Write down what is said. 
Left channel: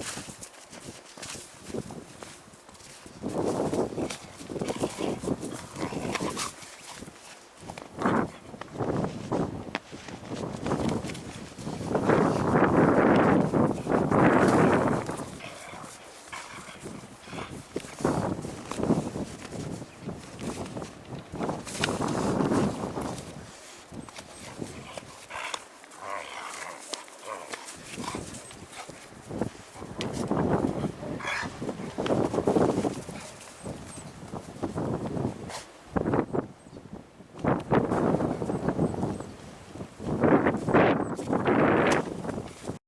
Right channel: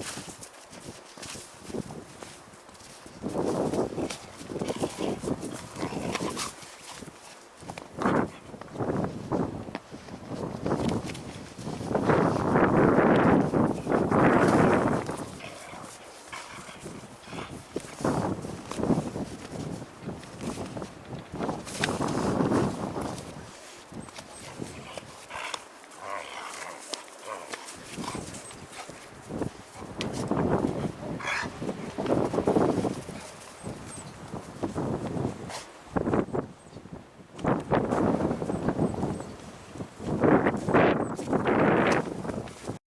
Thank you.